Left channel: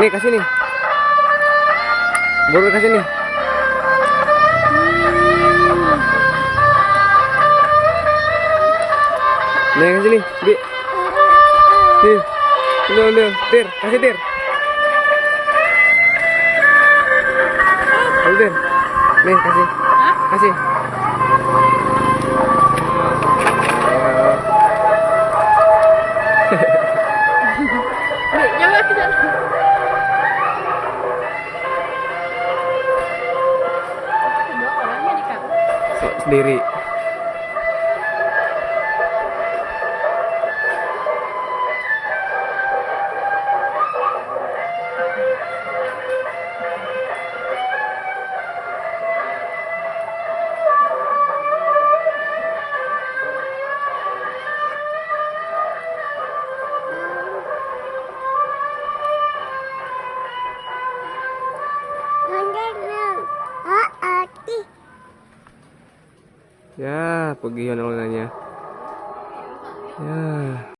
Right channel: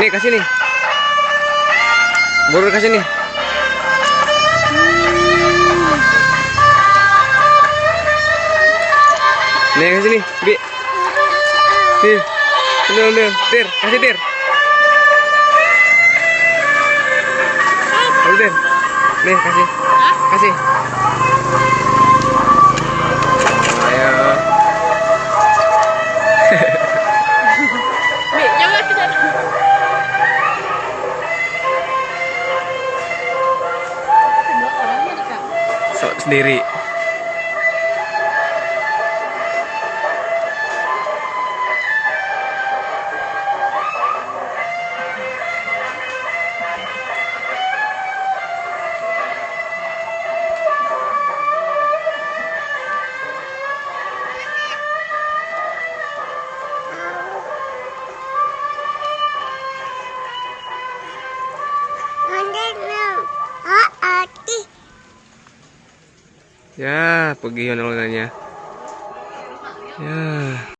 Nih kasih nih. Baru kasih nih. Nih kasih nih, Bi. Nih. Udah, Tir, kasih Tir. Ayo Tir. Nih kasih. Kasih. Ayo. Bi, juga kita. Kedua orang mau dekat. Sendiri. Ya, pergi onolnya. Ya.